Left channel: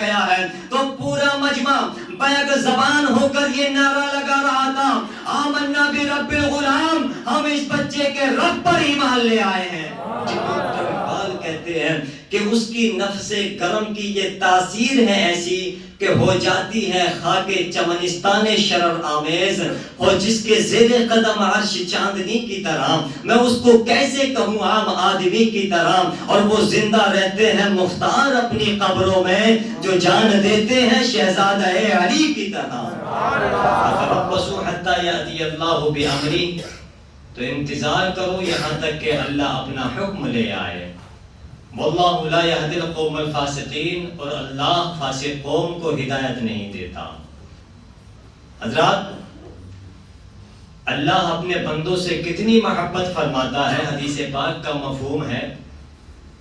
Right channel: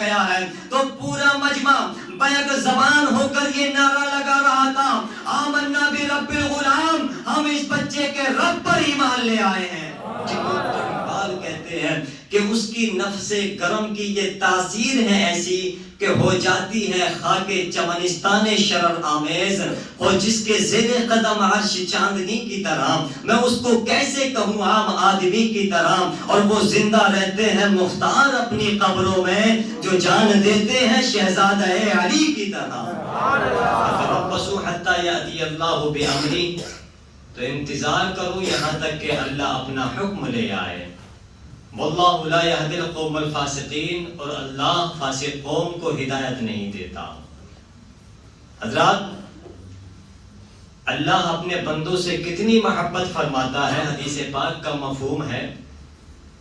گیا ہے تو پورا مجمع بیک زبان ہو کر یہ نعرہ لگا رہا تھا، آمنا برب الغلام، ہم اس بچے کے رب پر ایمان لے آئے ہیں۔ اقبال کہتے ہیں کہ اس کی نفس گرم کی یہ تاثیر ہے ایسی کہ ہو جاتی ہے خاک چمنستان شرر آمیز، اور جس کے زیر قدم عرش چاندنی کی طرح، میں اس کو کیسے کہوں عام آدمی کی طرح، اور وہ زندہ رہتے ہیں مختار اپنی قبروں میں، جو جان دیتے ہیں شہزادہ علی کی طرح۔ فَتَرَبَّصُوا حَتَّى يَأْتِيَ اللَّهُ بِأَمْرِهِ، تو انتظار کرو یہاں تک کہ اللہ اپنا حکم لے آئے۔ واللہ لا یہدی القوم الفاسقین، اور اللہ فاسق قوم کو ہدایت نہیں دیتا۔ حضرات، اللہ اپنے بندوں سے کتنی محبت فرماتا ہے، حدیث پاک کا مفہوم ہے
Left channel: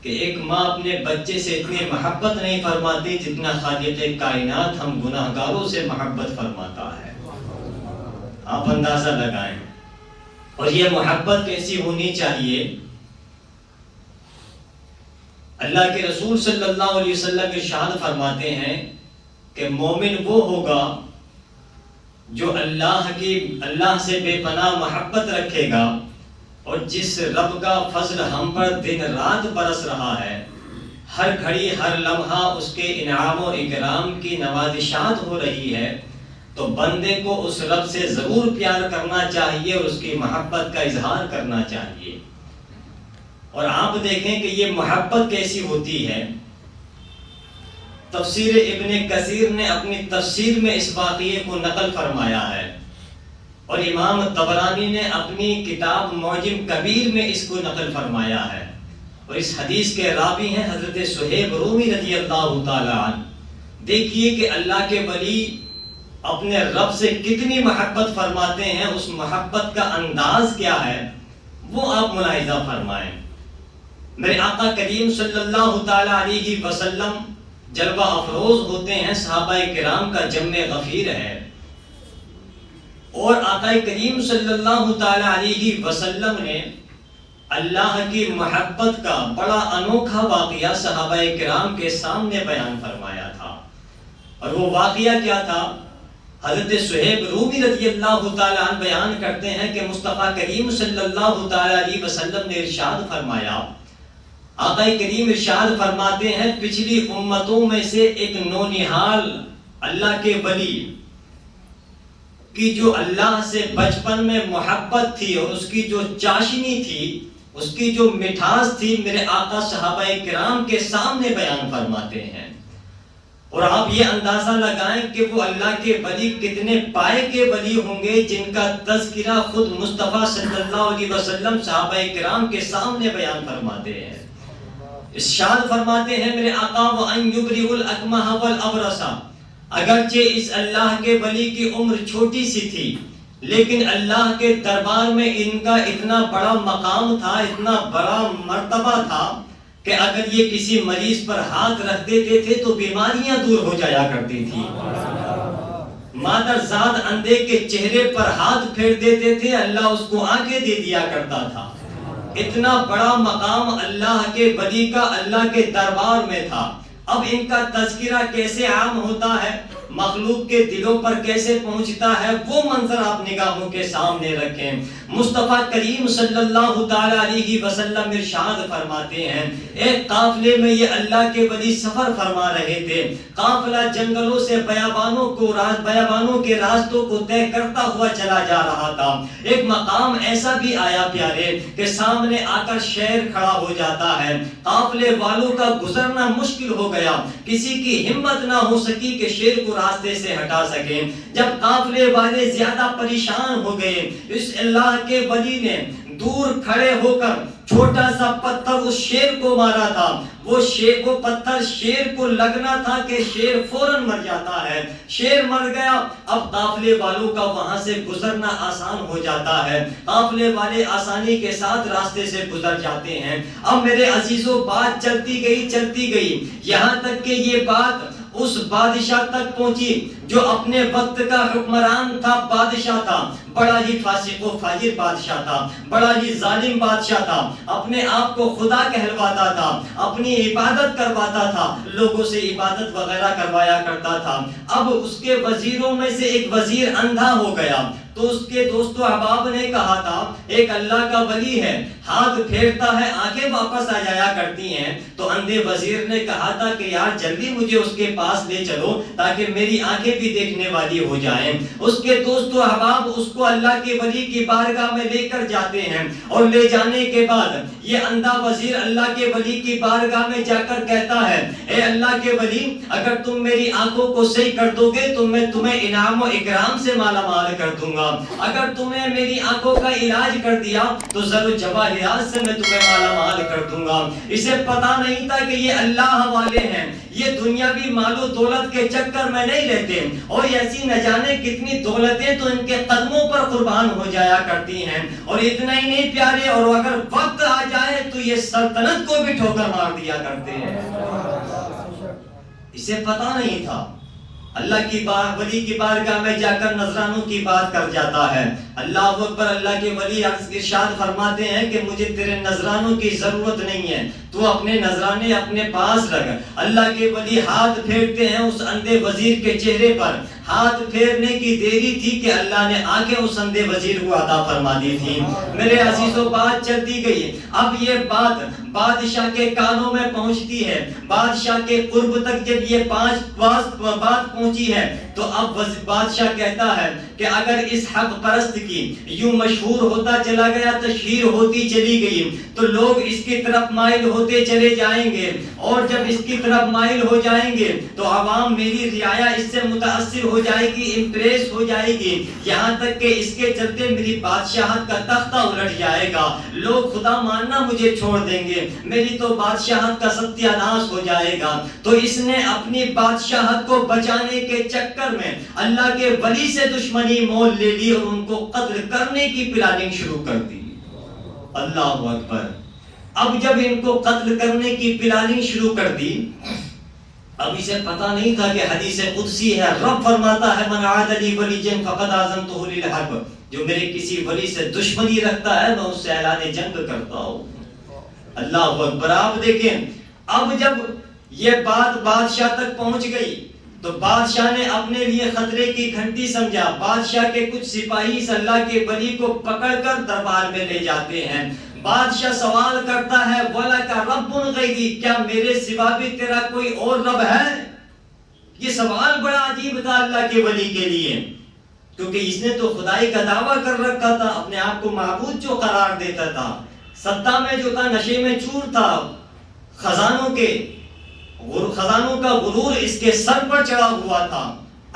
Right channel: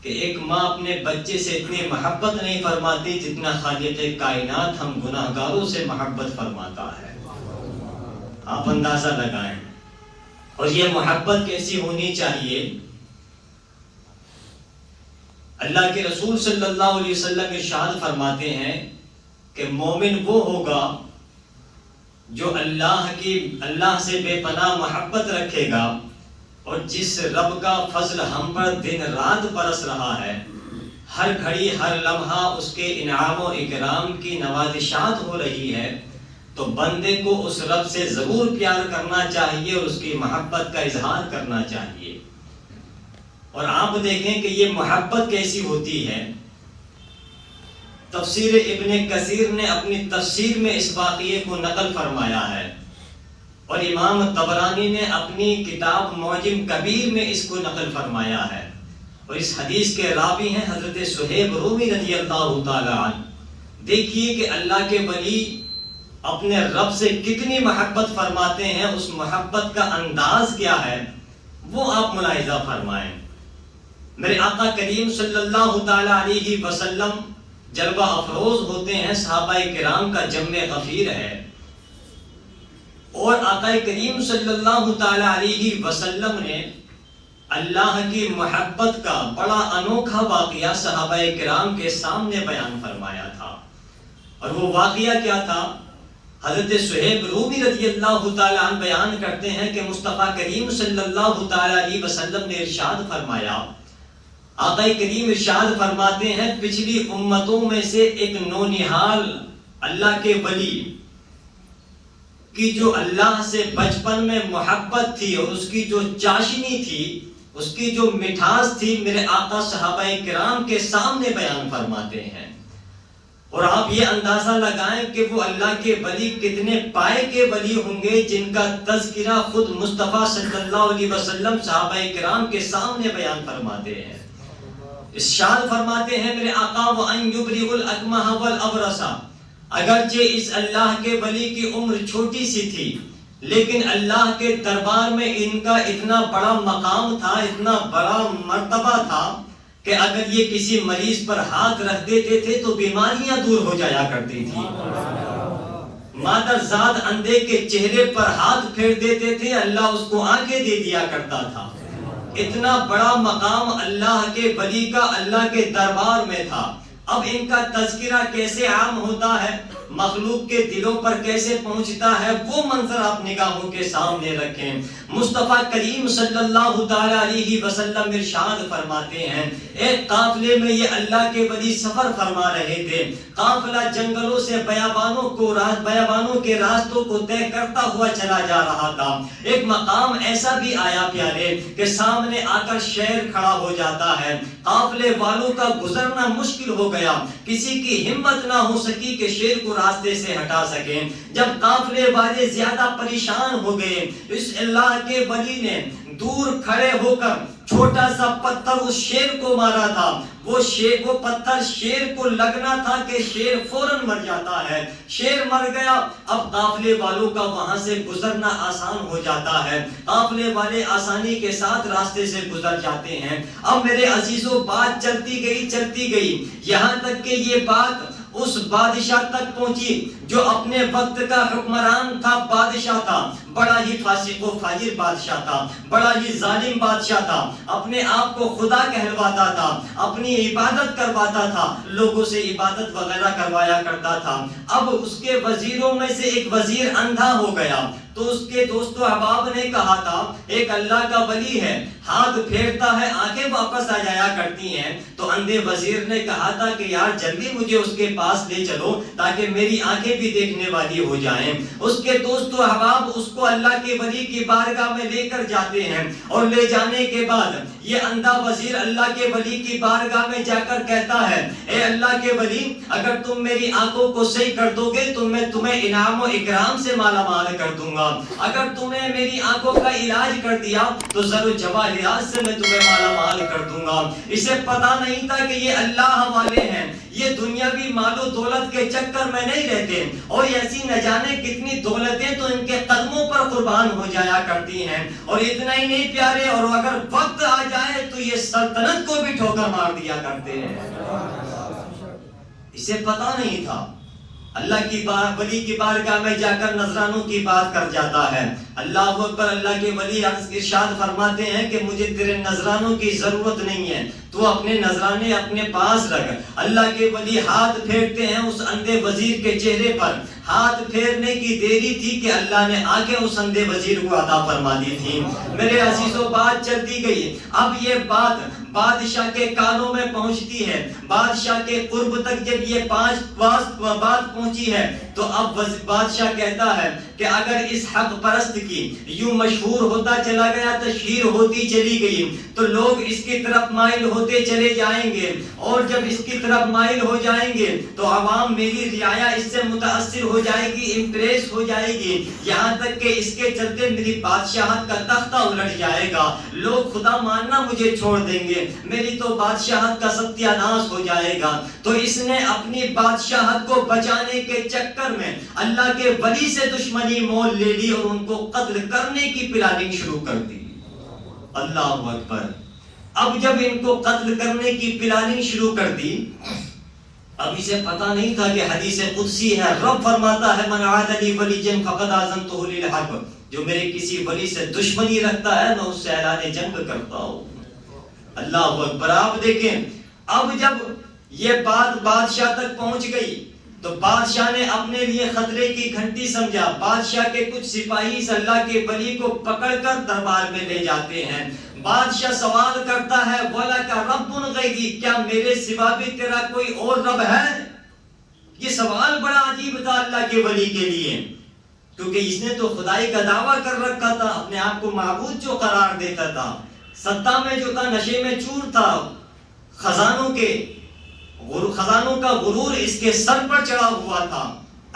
کہ ایک ماں اپنے بچے سے اتنی محبت نہیں فرماتی جتنا خالق کائنات ہم گناہگاروں سے محبت فرماتا ہے۔ آپ اندازہ لگائیں، اور یہ محبت کیسی ہونی چاہیے؟ اللہ کے رسول صلی اللہ علیہ وسلم ارشاد فرماتے ہیں کہ مومن وہ ہوگا جو اللہ سے بے پناہ محبت رکھے گا، اور جس رب کا فضل ہم پر دن رات برس رہا ہے، ہر گھڑی ہر لمحہ اس کے انعام و اکرام کی نوازشات ہو رہی ہے، تو بندے کو اس رب سے ضرور پیار کرنا چاہیے اور اس کی محبت کا اظہار کرنا چاہیے۔ اور آپ دیکھیں کہ یہ محبت کیسی ہوتی ہے۔ تفسیر ابن کثیر نے اپنی تفسیر میں اس واقعے کو نقل فرمایا ہے، اور امام طبرانی نے اپنی کتاب معجم کبیر میں اس کو نقل فرمایا ہے، اور اس حدیث کے راوی ہیں حضرت صہیب رومی رضی اللہ تعالی عنہ۔ دیکھیے کہ اللہ کے ولی اپنے رب سے کتنی محبت فرماتے ہیں، اس محبت کا انداز کیا ہے وہ آپ ملاحظہ فرمائیں۔ میرے آقا کریم صلی اللہ تعالی علیہ وسلم جلوہ افروز ہوتے ہیں، صحابہ کرام کا جم غفیر ہے، اور آقا کریم صلی اللہ تعالی علیہ وسلم نے اللہ کی محبت کا بڑا انوکھا واقعہ صحابہ کرام کے سامنے بیان فرمایا تھا۔ اور وہ واقعہ کیا تھا؟ حضرت صہیب رومی رضی اللہ تعالی عنہ بیان کرتے ہیں کہ مصطفیٰ کریم صلی اللہ تعالی علیہ وسلم نے ارشاد فرمایا، آقا کریم ارشاد فرماتے ہیں، پچھلی امتوں میں سے ایک نونہال اللہ کے ولی کی جو اللہ سے بچپن میں محبت تھی، اور اس کی جو چاشنی تھی، اس کی جو مٹھاس تھی، میرے آقا صحابہ کرام کے سامنے بیان فرماتے ہیں۔ اور آپ یہ اندازہ لگائیں کہ وہ اللہ کے ولی کتنے پائے کے ولی ہوں گے جن کا تذکرہ خود مصطفیٰ صلی اللہ علیہ وسلم صحابہ کرام کے سامنے بیان فرماتے ہیں۔ ارشاد فرماتے ہیں میرے آقا، وَأَن يُبْرِئُ الْأَكْمَحَ وَالْأَبْرَصَ، اگرچہ اس اللہ کے ولی کی عمر چھوٹی سی تھی، لیکن اللہ کے دربار میں ان کا اتنا بڑا مقام تھا، اتنا بڑا مرتبہ تھا کہ اگر یہ کسی مریض پر ہاتھ رکھ دیتے تھے تو بیماریاں دور ہو جایا کرتی تھی۔ مادرزاد اندھے کے چہرے پر ہاتھ پھیر دیتے تھے، اللہ اس کو آنکھیں دے دیا کرتا تھا۔ اتنا بڑا مقام اللہ کے ولی کا اللہ کے دربار میں تھا۔ اب ان کا تذکرہ کیسے عام ہوتا ہے، مخلوق کے دلوں پر کیسے پہنچتا ہے، وہ منظر آپ نگاہوں کے سامنے رکھیں۔ مصطفیٰ کریم صلی اللہ تعالی علیہ وسلم ارشاد فرماتے ہیں، ایک قافلے میں یہ اللہ کے ولی سفر فرما رہے تھے، قافلہ جنگلوں سے بیابانوں کے راستوں کو طے کرتا ہوا چلا جا رہا تھا۔ ایک مقام ایسا بھی آیا پیارے کہ سامنے آ کر شیر کھڑا ہو جاتا ہے، قافلے والوں کا گزرنا مشکل ہو گیا، کسی کی ہمت نہ ہو سکی کہ شیر کو راستے سے ہٹا سکیں۔ جب قافلے والے زیادہ پریشان ہو گئے، اس اللہ کے ولی نے دور کھڑے ہو کر چھوٹا سا پتھر اس شیر کو مارا تھا۔ وہ پتھر شیر کو لگنا تھا کہ شیر فوراً مر جاتا ہے۔ شیر مر گیا، اب قافلے والوں کا وہاں سے گزرنا آسان ہو جاتا ہے، قافلے والے آسانی کے ساتھ راستے سے گزر جاتے ہیں۔ اب میرے عزیزوں، بات چلتی گئی یہاں تک کہ یہ بات اس بادشاہ تک پہنچی جو اپنے وقت کا حکمران تھا، بادشاہ تھا، بڑا ہی فاسق و فاجر بادشاہ تھا، بڑا ہی ظالم بادشاہ تھا، اپنے آپ کو خدا کہلواتا تھا، اپنی عبادت کرواتا تھا، لوگوں سے عبادت وغیرہ کروایا کرتا تھا۔ اب اس کے وزیروں میں سے ایک وزیر اندھا ہو گیا، تو اس کے دوست و احباب نے کہا تھا ایک اللہ کا ولی ہے، ہاتھ پھیرتا ہے آنکھیں واپس آ جایا کرتی ہیں۔ تو اندھے وزیر نے کہا تھا کہ یار جلدی مجھے اس کے پاس لے چلو تاکہ میری آنکھیں بھی دیکھنے والی ہو جائیں۔ اس کے دوست و احباب اس کو اللہ کے ولی کی بارگاہ میں لے کر جاتے ہیں، اور لے جانے کے بعد یہ اندھا وزیر اللہ کے ولی کی بارگاہ میں جا کر کہتا ہے اے اللہ کے ولی، اگر تم میری آنکھوں کو صحیح کر دو گے تو میں تمہیں انعام و اکرام سے مالا مال کر دوں گا، اگر تمہیں میری آنکھوں کا علاج کر دیا تو زر و جواہرات سے میں تمہیں مالا مال کر دوں گا۔ اسے پتا نہیں تھا کہ یہ اللہ والے ہیں، یہ دنیاوی مال و دولت کے چکر میں نہیں رہتے، اور ایسی نہ جانے کتنی دولتیں تو ان کے قدموں پر قربان ہو جایا کرتی ہیں، اور اتنا ہی نہیں پیارے، اور اگر وقت آ جائے تو یہ سلطنت کو بھی ٹھوکر مار دیا کرتے ہیں۔ اسے پتا نہیں تھا۔ اللہ کی ولی کی بارگاہ میں جا کر نذرانوں کی بات کر جاتا ہے۔ اللہ اکبر، اللہ کے ولی ارشاد فرماتے ہیں کہ مجھے تیرے نذرانوں کی ضرورت نہیں ہے، تو اپنے نذرانے اپنے پاس رکھ۔ اللہ کے ولی ہاتھ پھیرتے ہیں اس اندھے وزیر کے چہرے پر، ہاتھ پھیرنے کی دیری تھی کہ اللہ نے آنکھیں اس اندھے وزیر کو عطا فرما دی تھی۔ میرے عزیزوں، بات چلتی گئی، اب یہ بات بادشاہ کے کانوں میں پہنچتی ہے، بادشاہ کے قرب تک جب یہ بات پہنچی ہے تو اب بادشاہ کہتا ہے کہ اگر اس حق پرست کی یوں مشہور ہوتا چلا گیا، تشہیر ہوتی چلی گئی، تو لوگ اس کی طرف مائل ہوتے چلے جائیں گے، اور جب اس کی طرف مائل ہو جائیں گے تو عوام میری رعایا اس سے متاثر ہو جائے گی، امپریس ہو جائے گی، یہاں تک کہ اس کے چلتے میری بادشاہت کا تختہ الٹ جائے گا، لوگ خدا ماننا مجھے چھوڑ دیں گے، میری تو بادشاہت کا ستیہ ناش ہو جائے گا۔ تو اس نے اپنی بادشاہت کو بچانے کے چکر میں اللہ کے ولی سے دشمنی مول لے لی اور ان کو قتل کرنے کی پلاننگ شروع کر دی۔ اللہ اکبر۔ اب جب ان کو قتل کرنے کی پلاننگ شروع کر دی، اب اسے پتا نہیں تھا کہ حدیث قدسی ہے، رب فرماتا ہے من عاد لی ولیًا فقد آذنتہ بالحرب، جو میرے کسی ولی سے دشمنی رکھتا ہے میں اس سے اعلان جنگ کرتا ہوں۔ اللہ اکبر۔ آپ دیکھیں، اب جب یہ بات بادشاہ تک پہنچ گئی تو بادشاہ نے اپنے لیے خطرے کی گھنٹی سمجھا۔ بادشاہ کے کچھ سپاہی اس اللہ کے ولی کو پکڑ کر دربار میں لے جاتے ہیں۔ بادشاہ سوال کرتا ہے وَلَكَ رَبٌّ غَيْرِي، کیا میرے سوا بھی تیرا کوئی اور رب ہے؟ یہ سوال بڑا عجیب تھا اللہ کے ولی کے لیے، کیونکہ اس نے تو خدائی کا دعویٰ کر رکھا تھا، اپنے آپ کو معبود جو قرار دیتا تھا، ستا میں جو تھا، نشے میں چور تھا، خزانوں کا غرور اس کے سر پر چڑھا ہوا تھا۔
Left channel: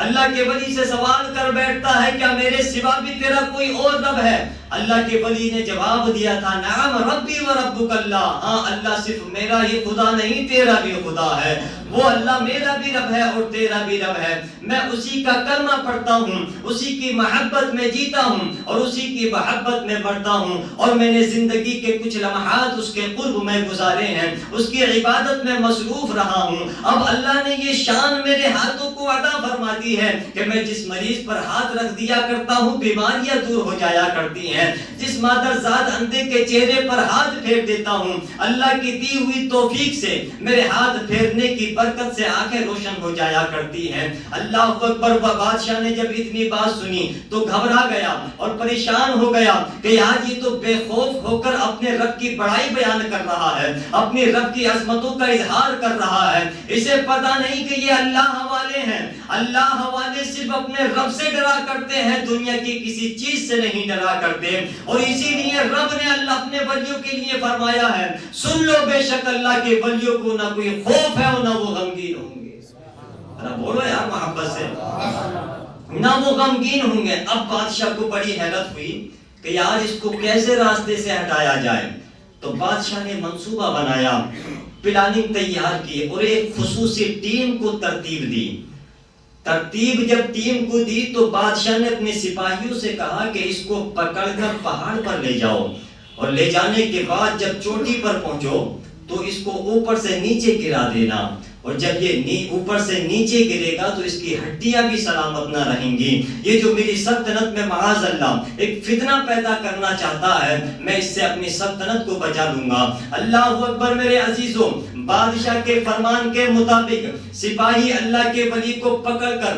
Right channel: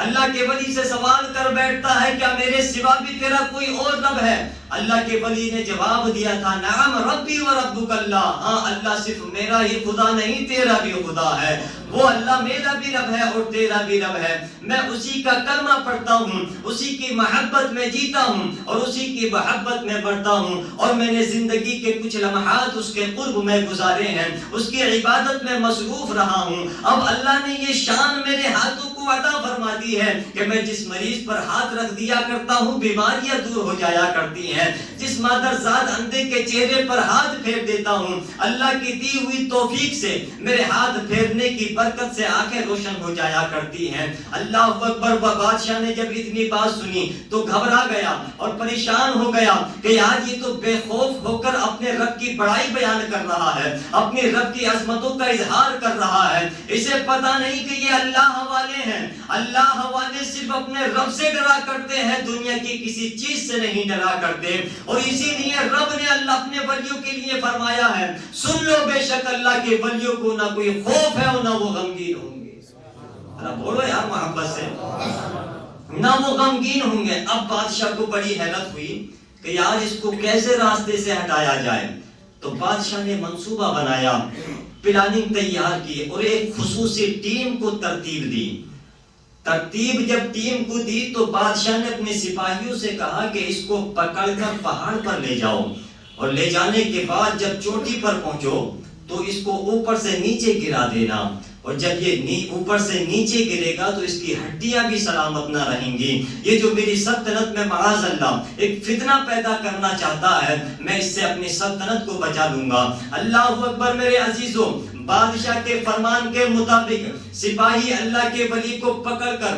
اللہ کے ولی سے سوال کر بیٹھتا ہے کیا میرے سوا بھی تیرا کوئی اور رب ہے؟ اللہ کے ولی نے جواب دیا تھا نعم ربی و ربک اللہ، ہاں اللہ صرف میرا ہی خدا نہیں تیرا بھی خدا ہے، وہ اللہ میرا بھی رب ہے اور تیرا بھی رب ہے، میں اسی کا کلمہ پڑھتا ہوں، اسی کی محبت میں جیتا ہوں اور اسی کی محبت میں بڑھتا ہوں، اور میں نے زندگی کے کچھ لمحات اس کے قرب میں گزارے ہیں، اس کی عبادت میں مصروف رہا ہوں۔ اب اللہ نے یہ شان میرے ہاتھوں کو عطا فرما دی ہے کہ میں جس مریض پر ہاتھ رکھ دیا کرتا ہوں بیماریاں دور ہو جایا کرتی ہیں، جس مادر ذات اندھے کے چہرے پر ہاتھ پھیر دیتا ہوں، اللہ کی دی ہوئی توفیق سے میرے ہاتھ پھیرنے کی برکت سے آنکھیں روشن ہو جایا کرتی ہیں۔ اللہ اکبر۔ بادشاہ نے جب اتنی بات سنی تو گھبرا گیا اور پریشان ہو گیا کہ آج یہ تو بے خوف ہو کر اپنے رب کی بڑائی بیان کر رہا ہے، اپنی رب کی عظمتوں کا اظہار کر رہا ہے، اسے پتا نہیں کہ یہ اللہ والے ہیں۔ اللہ والے صرف اپنے رب سے ڈرا کرتے ہیں، دنیا کی کسی چیز سے نہیں ڈرا کرتے، اور اسی لیے رب نے اللہ اپنے ولیوں کے لیے فرمایا ہے سن لو بے شک اللہ کے ولیوں کو نہ کوئی خوف ہے اور نہ وہ غمگین ہوں گے۔ بولو یار محبت سے، نہ وہ غمگین ہوں گے۔ اب بادشاہ کو بڑی حیرت ہوئی کہ یار اس کو کیسے راستے سے ہٹایا جائے، تو بادشاہ نے منصوبہ بنایا، پلاننگ تیار کی اور ایک خصوصی ٹیم کو ترتیب دی۔ ترتیب جب ٹیم کو دی تو بادشاہ نے اپنے سپاہیوں سے کہا کہ اس کو پکڑ کر پہاڑ پر لے جاؤ، اور لے جانے کے بعد جب چوٹی پر پہنچو تو اس کو اوپر سے نیچے گرا دینا، اور جب یہ اوپر سے نیچے گرے گا تو اس کی ہڈیاں بھی سلامت نہ رہیں گی. یہ جو میری سلطنت میں معاذ اللہ ایک فتنہ پیدا کرنا چاہتا ہے، میں اس سے اپنی سلطنت کو بچا دوں گا. اللہ اکبر میرے عزیزوں. بادشاہ کے فرمان کے مطابق سپاہی اللہ کے ولی کو پکڑ کر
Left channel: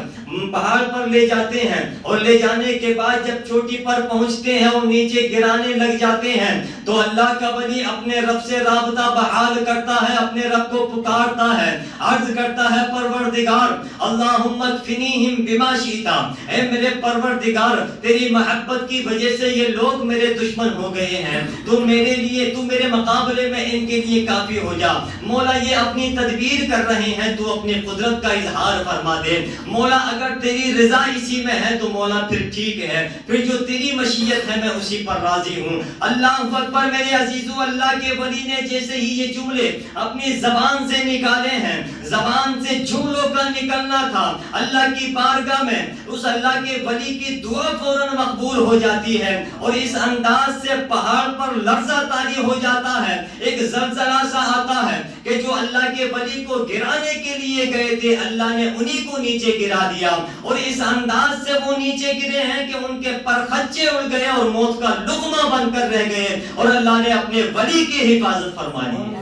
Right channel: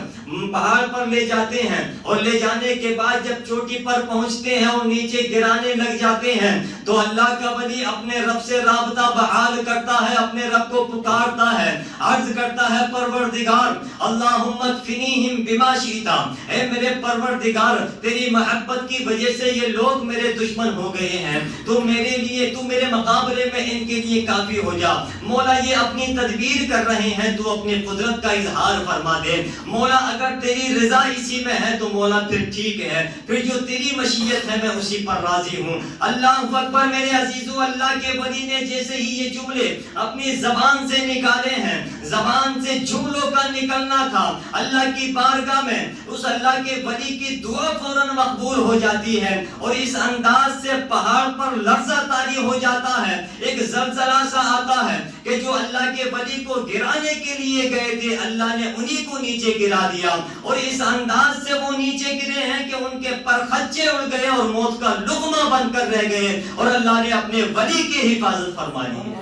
پہاڑ پر لے جاتے ہیں، اور لے جانے کے بعد جب چوٹی پر پہنچتے ہیں اور نیچے گرانے لگ جاتے ہیں تو اللہ کا ولی اپنے رب سے رابطہ بحال کرتا ہے، اپنے رب کو پکارتا ہے، عرض کرتا ہے پروردگار اللہم اکفنیہم بما شئت، اے میرے پروردگار تیری محبت کی وجہ سے یہ لوگ میرے دشمن ہو گئے ہیں، تو میرے لیے تو میرے مقابلے میں ان کے لیے کافی ہو جا. مولا یہ اپنی تدبیر کر رہے ہیں، تو اپنی قدرت کا اظہار فرما دے. مولا اگر تیری رضا اسی میں ہے تو مولا پھر ٹھیک ہے، پھر جو تیری مشیت ہے میں اسی پر راضی ہوں. اللہ اکبر میرے عزیزو. اللہ کے ولی نے جیسے ہی یہ جملے اپنی زبان سے نکالے ہیں، زبان سے جملوں کا نکلنا تھا اللہ کی بارگاہ میں، اس اللہ کے ولی کی دعا فوراً مقبول ہو جاتی ہے، اور اس انداز سے پہاڑ پر لرزہ طاری ہو جاتا ہے. ایک زلزلہ سا آتا ہے کہ جو اللہ کے ولی کو گرانے کے لیے گئے تھے اللہ نے انہی کو نیچے گرا دیا، اور اس انداز سے وہ نیچے گرے ہیں کہ ان کے پر خچے اڑ گئے اور موت کا لقمہ بن کر رہ گئے، اور اللہ نے اپنے ولی کی حفاظت فرمائی.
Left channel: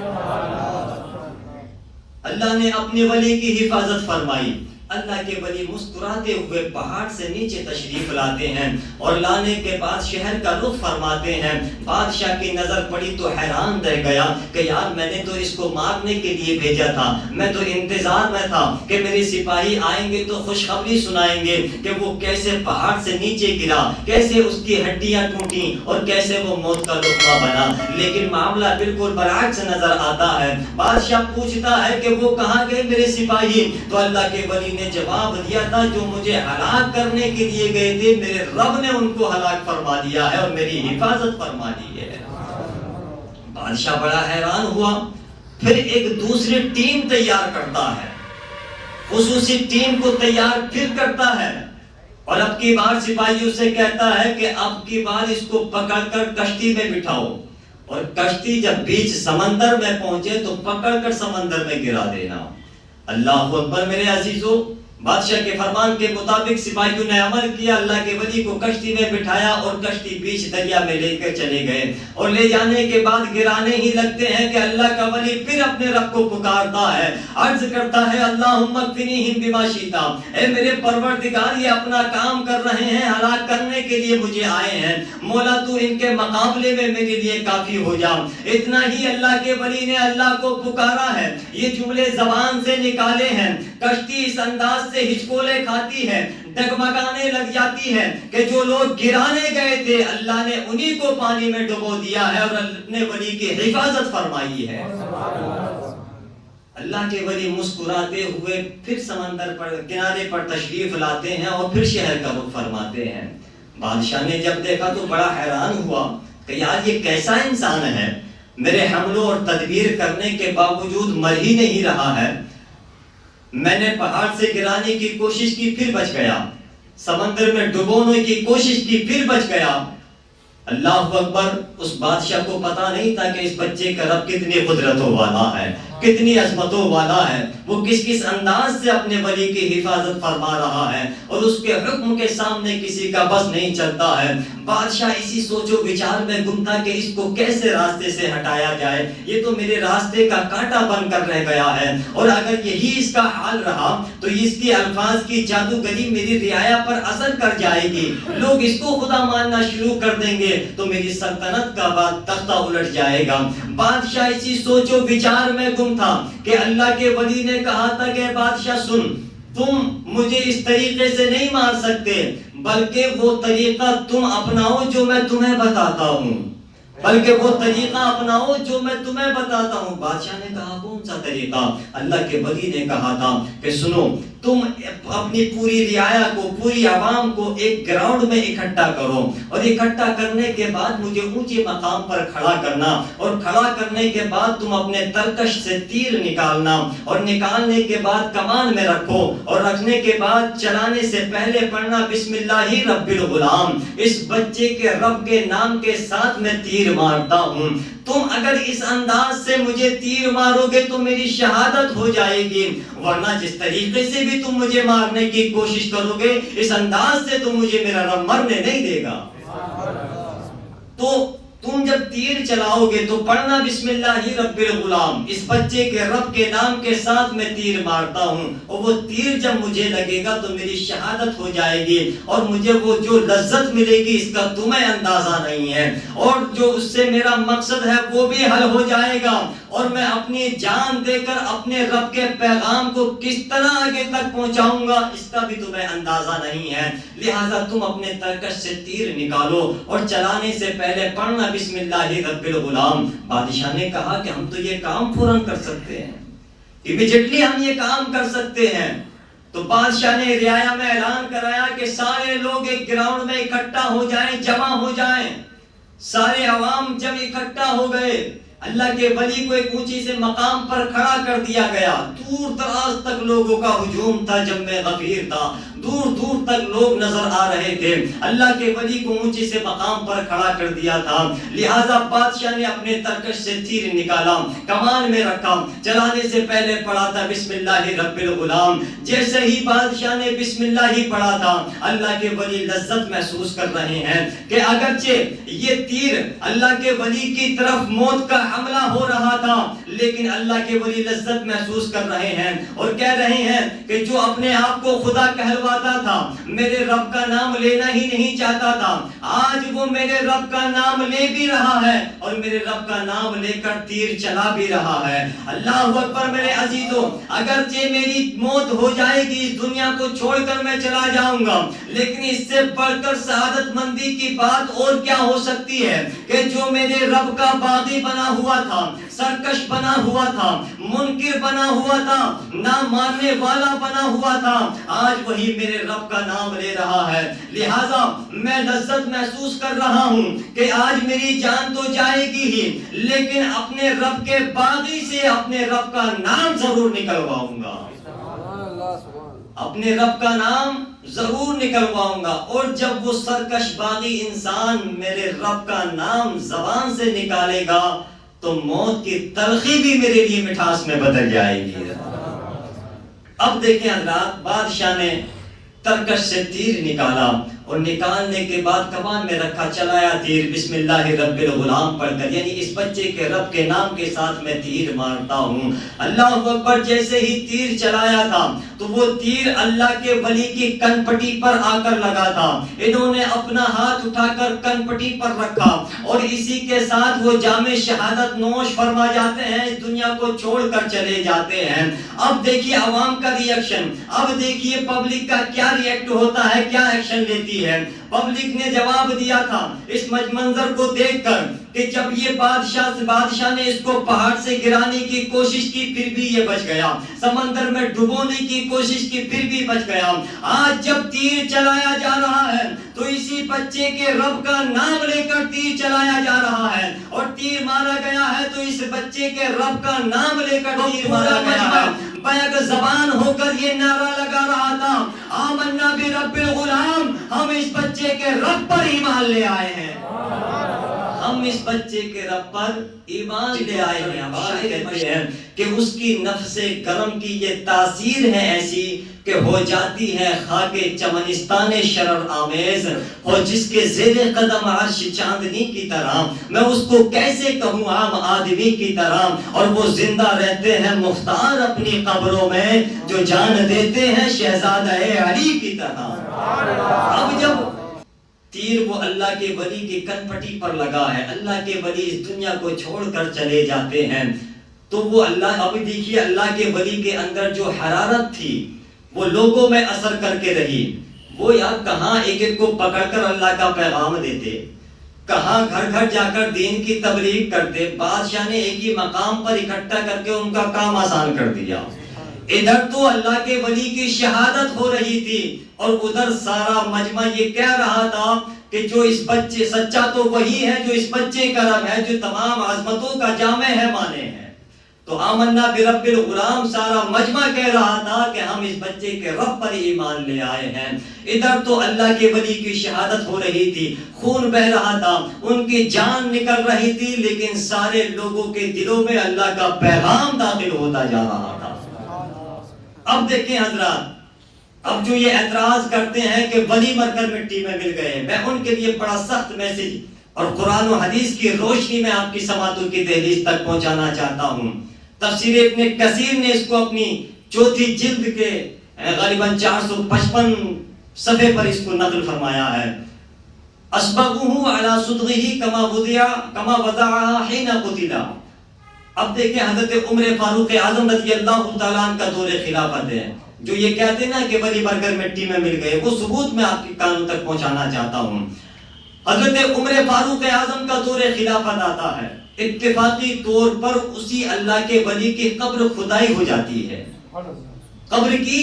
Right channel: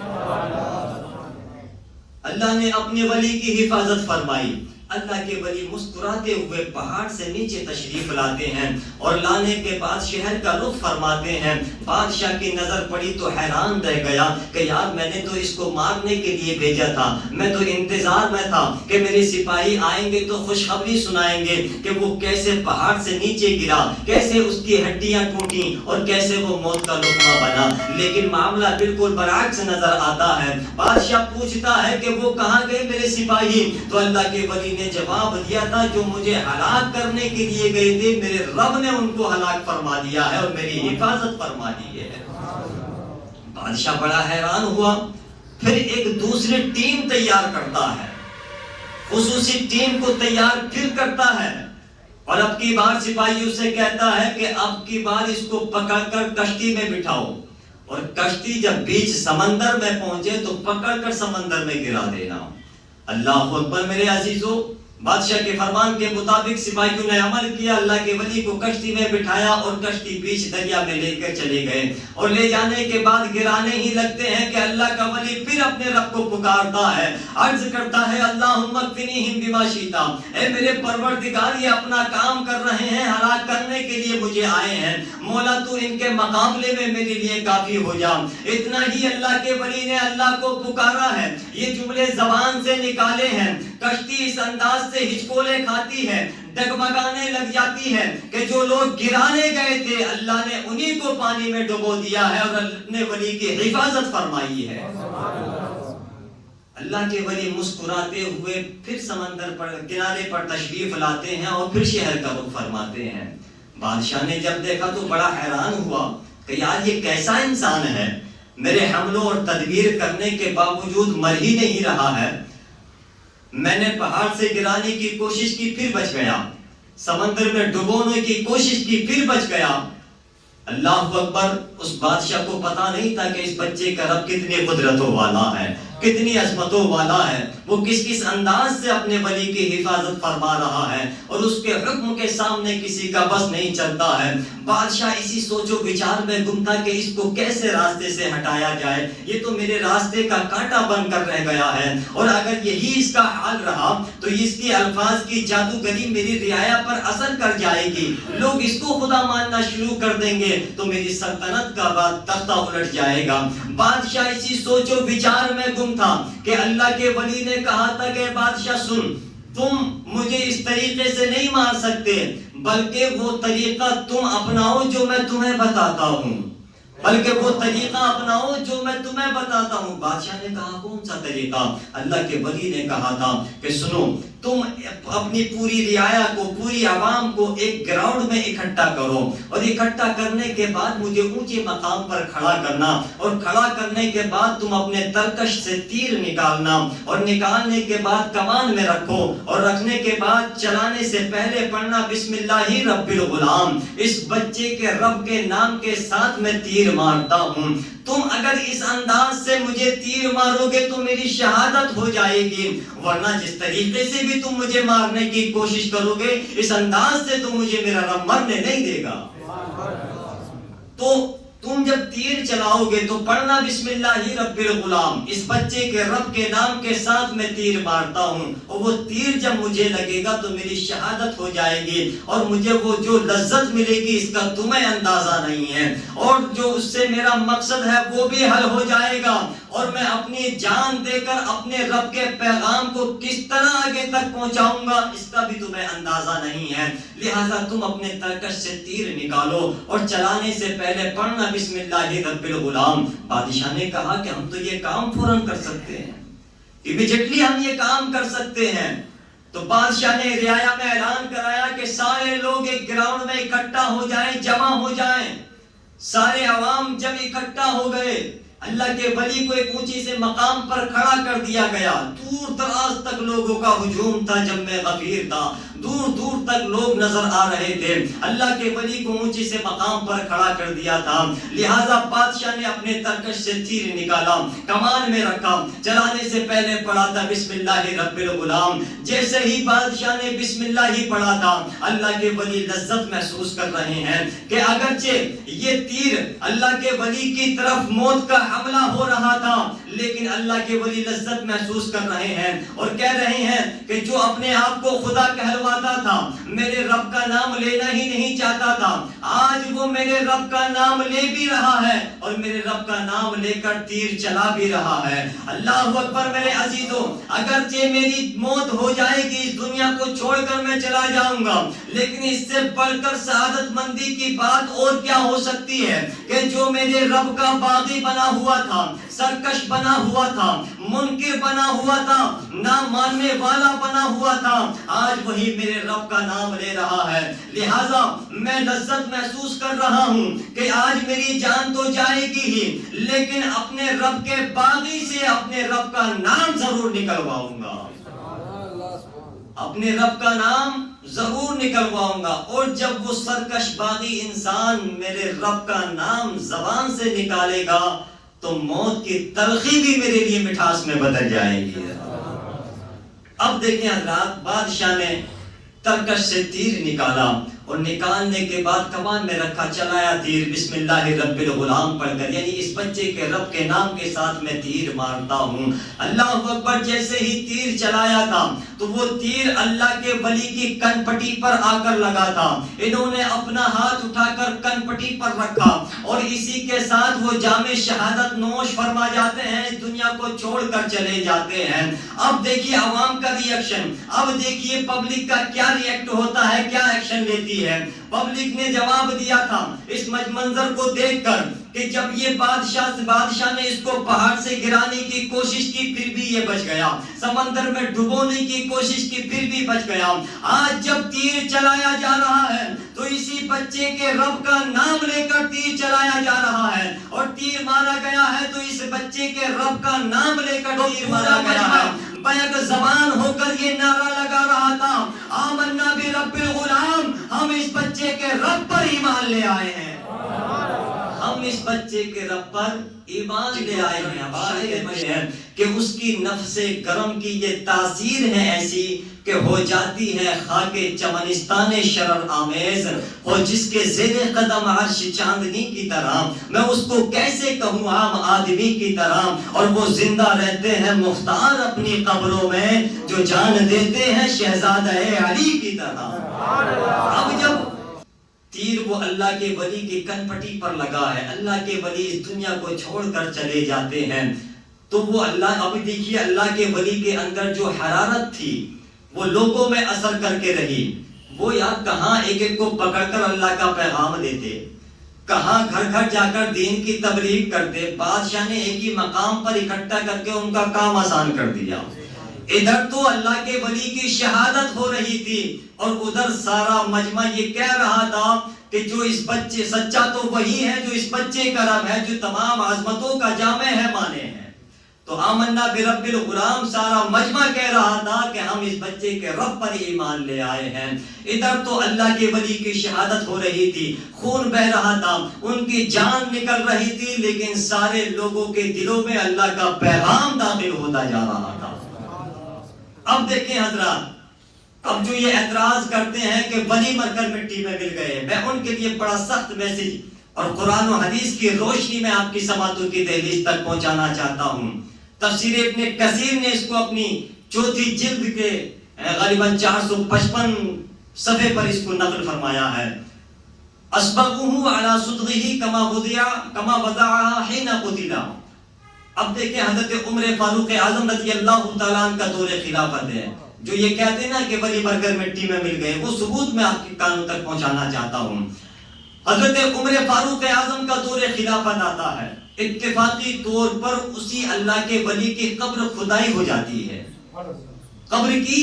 اللہ نے اپنے ولی کی حفاظت فرمائی. اللہ کے ولی مسکراتے ہوئے پہاڑ سے نیچے تشریف لاتے ہیں، اور لانے کے بعد شہر کا رخ فرماتے ہیں. بادشاہ کی نظر پڑی تو حیران رہ گیا کہ یار میں نے تو اس کو مارنے کے لیے بھیجا تھا، میں تو انتظار میں تھا کہ میرے سپاہی آئیں گے تو خوشخبری سنائیں گے کہ وہ کیسے پہاڑ سے نیچے گرا، کیسے اس کی ہڈیاں ٹوٹی اور کیسے وہ موت کا لقمہ بنا. لیکن معاملہ بالکل برعکس نظر آتا ہے. بادشاہ پوچھتا ہے کہ وہ کہاں گئے میرے سپاہی؟ تو اللہ کے ولی نے جواب دیا تھا جو مجھے ہلاک کرنے کے لیے گئے تھے میرے رب نے ان کو ہلاک فرما دیا ہے اور میری حفاظت فرما دی ہے. بادشاہ بڑا حیران ہوا. پھر ایک دوسری ٹیم تیار کرتا ہے، خصوصی ٹیم کو تیار پھر کرتا ہے، اور اب کی بار سپاہیوں سے کہتا ہے کہ اب کی بار اس کو پکڑ کر کشتی میں بٹھاؤ، اور کشتی جب بیچ سمندر میں پہنچے تو پکڑ کر سمندر میں گرا دینا. اللہ اکبر میرے عزیزو. بادشاہ کے فرمان کے مطابق سپاہیوں نے عمل کیا، اللہ کے ولی کو کشتی میں بٹھایا اور کشتی بیچ دریا میں لے کر چلے گئے، اور لے جانے کے بعد گرانے ہی لگتے ہیں کہ اللہ کا ولی پھر اپنے رب کو پکارتا ہے، عرض کرتا ہے اللہم اکفنیہم بما شئت، اے میرے پروردگار یہ اپنا کام کر رہے ہیں، ہلاک کرنے کے لیے مجھے آئے ہیں، مولا تو ان کے مقابلے میں میرے لیے کافی ہو جا. اتنا ہی اللہ کے ولی نے اللہ کو پکارا ہے، یہ جملے زبان سے نکالے ہیں. کشتی اس انداز سے ہچکولے کھاتی ہے، ڈگمگانے لگ جاتی ہے کہ جو لوگ گرانے گئے تھے اللہ نے انہی کو پانی میں ڈبو دیا ہے اور اپنے ولی کی حفاظت فرمائی ہے. اللہ کے ولی مسکراتے ہوئے پھر سمندر پر کنارے پر تشریف لاتے ہیں اور پھر شہر کا رخ فرماتے ہیں. بادشاہ نے جب دیکھا تو بڑا حیران ہوا کہ یار یہ کیسا انسان ہے، میرے حملوں اور تدبیر کرنے کے باوجود مر ہی نہیں رہا ہے. میں نے پہاڑ سے گرانے کی کوشش کی پھر بچ گیا، سمندر میں ڈبونے کی کوشش کی پھر بچ گیا. اللہ اکبر. اس بادشاہ کو پتا نہیں تھا کہ اس بچے کا رب کتنی قدرتوں والا ہے، کتنی عظمتوں والا ہے، وہ کس کس انداز سے اپنے ولی کی حفاظت فرما رہا ہے، اور اس کے حکم کے سامنے کسی کا بس نہیں چلتا ہے. بادشاہ اسی سوچ و وچار میں گم تھا کہ اس کو کیسے راستے سے ہٹایا جائے، یہ تو میرے راستے کا کانٹا بن کر رہ گیا ہے، اور اگر یہی اس کا حال رہا تو اس کی الفاظ کی جادوگری میری رعایا پر اثر کر جائے گی، لوگ اس کو خدا ماننا شروع کر دیں گے تو میری سلطنت کا بات تختہ الٹ جائے گا. بادشاہ اسی سوچ و وچار میں گم تھا کہ اللہ کے ولی نے کہا تھا کہ بادشاہ سن، تم مجھے اس طریقے سے نہیں مار سکتے، بلکہ وہ طریقہ تم اپناؤ جو میں تمہیں بتاتا ہوں، بلکہ وہ طریقہ اپناؤ جو میں تمہیں بتاتا ہوں. بادشاہ نے کہا کون سا طریقہ؟ اللہ کے ولی نے کہا تھا کہ سنو، تم اپنی پوری رعایا کو، پوری عوام کو ایک گراؤنڈ میں اکٹھا کرو، اور اکٹھا کرنے کے بعد مجھے اونچے مقام پر کھڑا کرنا، اور کھڑا کرنے کے بعد تم اپنے ترکش سے تیر نکالنا، اور نکالنے کے بعد کمان میں رکھو، اور رکھنے کے بعد چلانے سے پہلے پڑھنا بسم اللہ رب الغلام، اس بچے کے رب کے نام کے ساتھ میں تیر مارتا ہوں۔ تم اگر اس انداز سے مجھے تیر مارو گے تو میری شہادت ہو جائے گی، ورنہ جس طریقے سے بھی تم مجھے مارنے کی کوشش کرو گے اس انداز سے تو مجھے میرا رب مرنے نہیں دے گا۔ تو تم جب تیر چلاؤ گے تو پڑھنا بسم اللہ رب الغلام، اس بچے کے رب کے نام کے ساتھ میں تیر مارتا ہوں، اور وہ تیر جب مجھے لگے گا تو میری شہادت ہو جائے گی، اور مجھے وہ جو لذت ملے گی اس کا تمہیں اندازہ نہیں ہے، اور جو اس سے میرا مقصد ہے وہ بھی حل ہو جائے گا، اور میں اپنی جان دے کر اپنے رب کے پیغام کو کس طرح آگے تک پہنچاؤں گا اس کا بھی تمہیں اندازہ نہیں ہے۔ لہٰذا تم اپنے ترکش سے تیر نکالو، اور چلانے سے پہلے پڑھنا بسم اللہ رب الغلام۔ بادشاہ نے کہا کہ ہم تو یہ کام فوراً کر سکتے ہیں، امیڈیٹلی ہم یہ کام کر سکتے ہیں۔ تو بادشاہ نے رعایا میں اعلان کرایا کہ سارے لوگ ایک گراؤنڈ میں اکٹھا ہو جائیں، جمع ہو جائیں۔ سارے عوام جب اکٹھا ہو گئے، اللہ کے ولی کو ایک اونچی سے مقام پر کھڑا کر دیا گیا، دور دراز تک لوگوں کا ہجوم تھا، جم غفیر تھا، دور دور تک لوگ نظر آ رہے تھے، اللہ کے ولی کو اونچی سے مقام پر کھڑا کر دیا تھا۔ لہٰذا بادشاہ نے اپنے ترکش سے تیر نکالا، کمان میں رکھا، چلانے سے پہلے پڑھا تھا بسم اللہ رب الغلام۔ جیسے ہی بادشاہ نے بسم اللہ ہی پڑھا تھا، اللہ کے ولی لذت محسوس کر رہے ہیں کہ اگرچہ یہ تیر اللہ کے ولی کی طرف موت کا حملہ ہو رہا تھا، لیکن اللہ کے ولی لذت محسوس کر رہے ہیں، اور کہہ رہے ہیں کہ جو اپنے آپ کو خدا کہلواتا تھا، میرے رب کا نام لینا ہی نہیں چاہتا تھا، آج وہ میرے رب کا نام لے بھی رہا ہے، اور میرے رب کا نام لے کر تیر چلا بھی رہا ہے۔ اللہ اکبر میرے عزیزو، اگرچہ میری موت ہو جائے گی، اس دنیا کو چھوڑ کر میں چلا جاؤں گا، لیکن اس سے بڑھ کر سعادت مندی کی بات اور کیا ہو سکتی ہے کہ جو میرے رب کا باغی بنا ہوا تھا، سرکش بنا ہوا تھا، منکر بنا ہوا تھا، نہ ماننے والا بنا ہوا تھا، آج وہی میرے رب کا نام لے رہا ہے۔ لہٰذا میں لذت محسوس کر رہا ہوں کہ آج میری جان تو جائے گی ہی، لیکن اپنے رب کے باغی سے اپنے رب کا نام ضرور نکلواؤں گا، اپنے رب کا نام ضرور نکلواؤں گا۔ اور جب وہ سرکش باغی انسان میرے رب کا نام زبان سے نکالے گا تو موت کی تلخی بھی میرے لیے مٹھاس میں بدل جائے گی۔ اب دیکھیں حضرات، بادشاہ نے ترکش سے تیر نکالا، اور نکالنے کے بعد کمان میں رکھا، چلایا تیر بسم اللہ رب الغلام پڑھ کر، یعنی اس بچے کے رب کے نام کے ساتھ میں تیر مارتا ہوں۔ اللہ اکبر، جیسے ہی تیر چلایا تھا تو وہ تیر اللہ کے ولی کی کن پٹی پر آ کر لگا تھا، انہوں نے اپنا ہاتھ اٹھا کر کن پٹی پر رکھا، اور اسی کے ساتھ وہ جام شہادت نوش فرما جاتے ہیں، اس دنیا کو چھوڑ کر چلے جاتے ہیں۔ اب دیکھیے عوام کا ری ایکشن، اب دیکھیے پبلک کا کیا ری ایکٹ ہوتا ہے، کیا ایکشن لیتی ہے۔ پبلک نے جواب دیا تھا اس منظر کو دیکھ کر کہ جب یہ بادشاہ نے اس کو پہاڑ سے گرانے کی کوشش کی پھر بھی یہ بچ گیا، سمندر میں ڈبونے کی کوشش کی پھر بھی بچ گیا، آج جب تیر چلایا جا رہا ہے تو اسی بچے کے رب کا نام لے کر تیر چلایا جا رہا ہے، اور تیر مارا گیا ہے تو اس بچے کے رب کا نام لے کر تیر مارا گیا ہے۔ بیک زبان ہو کر یہ نعرہ لگا رہا تھا، آمنا برب الغلام، ہم اس بچے کے رب پر ایمان لے آئے ہیں، ہم اس بچے کے رب پر ایمان لے آئے ہیں۔ کہتے ہیں کہ اس کی نفس کرم کی یہ تاثیر ہے ایسی کہ ہو جاتی ہے خاک چمنستان شرر آمیز، اور جس کے زیر قدم عرش چاندنی کی طرح، میں اس کو کیسے کہوں عام آدمی کی طرح، اور وہ زندہ رہتے ہیں مختار اپنی قبروں میں، جو جان دیتے ہیں شہزادہ علی کی طرح۔ اب جب تیر وہ اللہ کے ولی کی کن پٹی پر لگا ہے، اللہ کے ولی اس دنیا کو چھوڑ کر چلے جاتے ہیں، تو وہ اللہ، ابھی دیکھیے اللہ کے ولی کے اندر جو حرارت تھی وہ لوگوں میں اثر کر کے رہی، وہ یار کہاں ایک ایک کو پکڑ کر اللہ کا پیغام دیتے، کہاں گھر گھر جا کر دین کی تبلیغ کرتے۔ بادشاہ نے ایک ہی مقام پر اکٹھا کر کے ان کا کام آسان کر دیا، ادھر تو اللہ کے ولی کی شہادت ہو رہی تھی اور ادھر سارا مجمع یہ کہہ رہا تھا کہ جو اس بچے سچا تو وہی ہے جو اس بچے کا رب ہے، جو تمام عظمتوں کا جامع ہے مانے ہیں۔ تو آمنا برب الغلام سارا مجمع کہہ رہا تھا کہ ہم اس بچے کے رب پر ایمان لے آئے ہیں۔ ادھر تو اللہ کے ولی کی شہادت ہو رہی تھی، خون بہ رہا تھا، ان کی جان نکل رہی تھی، لیکن سارے لوگوں کے دلوں میں اللہ کا پیغام داخل ہوتا جا رہا تھا۔ اب دیکھیں حضرات، اب جو یہ اعتراض کرتے ہیں کہ ولی مر کر مٹی میں مل گئے، میں ان کے لیے بڑا سخت میسج اور قرآن و حدیث کی روشنی میں آپ کی سماعتوں کی دہلیز تک پہنچانا چاہتا ہوں۔ تفسیر ابن کثیر نے اس کو اپنی چوتھی جلد کے غالباً 455 صفحے پر اس کو نقل فرمایا ہے۔ اسبغه على صدغه كما وضعها حين قتل۔ اب دیکھیں حضرت عمر فاروق اعظم رضی اللہ تعالیٰ عنہ کا دور خلافت ہے، جو یہ کہتے ہیں نا کہ ولی مر کر مٹی میں مل گئے، وہ ثبوت میں آپ کے کانوں تک پہنچانا چاہتا ہوں۔ حضرت عمر فاروق اعظم کا دور خلافت آتا ہے، اتفاقی طور پر اسی اللہ کے ولی کی قبر کھدائی ہو جاتی ہے، قبر کی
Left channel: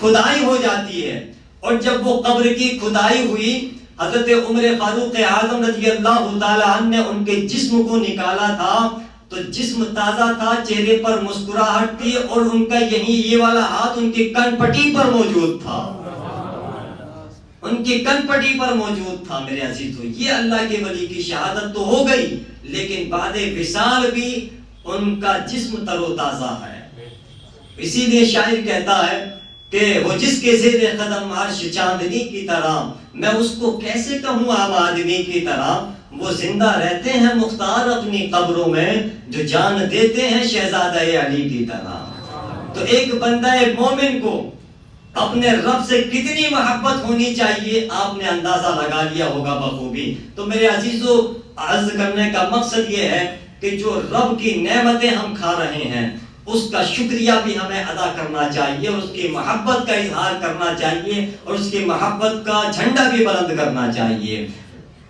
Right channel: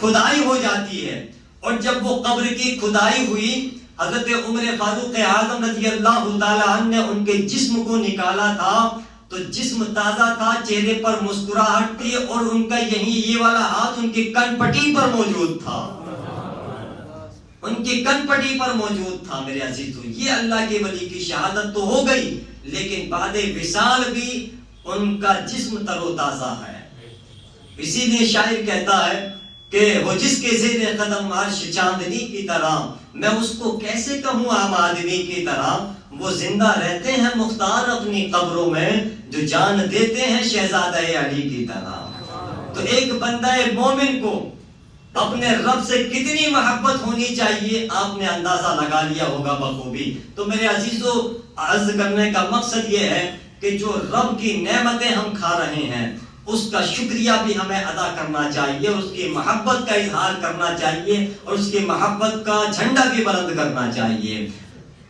کھدائی ہو جاتی ہے، اور جب وہ قبر کی کھدائی ہوئی، حضرت عمر فاروق اعظم رضی اللہ تعالیٰ عنہ نے ان کے جسم کو نکالا تھا تو جسم تازہ تھا، چہرے پر مسکراہٹ تھی، اور ان کا یہ والا ہاتھ ان کی کن پٹی پر موجود تھا، ان کی کن پٹی پر موجود تھا۔ میرے عزیزو، یہ اللہ کے ولی کی شہادت تو ہو گئی، لیکن بعد وصال بھی ان کا جسم تر و تازہ ہے۔ اسی لیے شاعر کہتا ہے کہ وہ جس کے زیر قدم عرش چاندنی کی طرح، میں اس کو کیسے کہوں عام آدمی کی طرح، وہ زندہ رہتے ہیں مختار اپنی قبروں میں، جو جان دیتے ہیں شہزادہ علی کی طرح۔ تو ایک بندہ مومن کو اپنے رب سے کتنی محبت ہونی چاہیے آپ نے اندازہ لگا لیا ہوگا بخوبی۔ تو میرے عزیزو، عرض کرنے کا مقصد یہ ہے کہ جو رب کی نعمتیں ہم کھا رہے ہیں اس کا شکریہ بھی ہمیں ادا کرنا چاہیے، اس کی محبت کا اظہار کرنا چاہیے، اور اس کی محبت کا جھنڈا بھی بلند کرنا چاہیے۔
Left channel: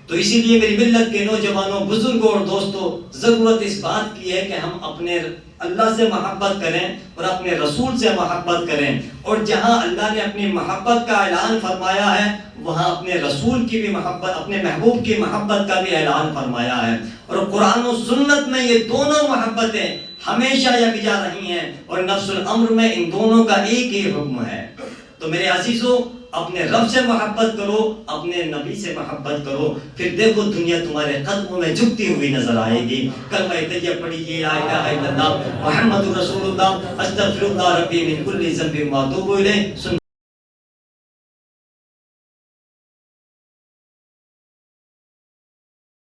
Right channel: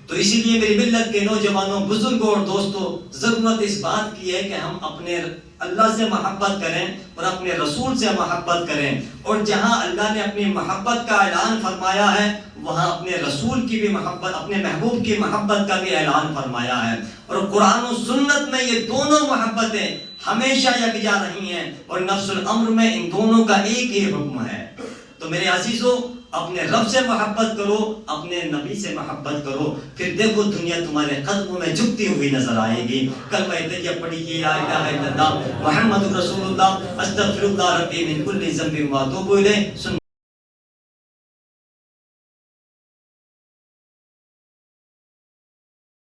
تو اسی لیے میری ملت کے نوجوانوں، بزرگوں اور دوستوں، ضرورت اس بات کی ہے کہ ہم اپنے اللہ سے محبت کریں اور اپنے رسول سے محبت کریں، اور جہاں اللہ نے اپنی محبت کا اعلان فرمایا ہے وہاں اپنے رسول کی بھی محبت، اپنے محبوب کی محبت کا بھی اعلان فرمایا ہے، اور قرآن و سنت میں یہ دونوں محبتیں ہمیشہ یکجا رہی ہیں، اور نفس الامر میں ان دونوں کا ایک ہی حکم ہے۔ تو میرے عزیزو، اپنے رب سے محبت کرو، اپنے نبی سے محبت کرو، پھر دیکھو دنیا تمہارے قدموں میں جھکتی ہوئی نظر آئے گی۔ کلمہ طیبہ پڑھیے، لا الہ الا اللہ محمد رسول اللہ، استغفر اللہ ربی من کل ذنب و اتوب الیہ۔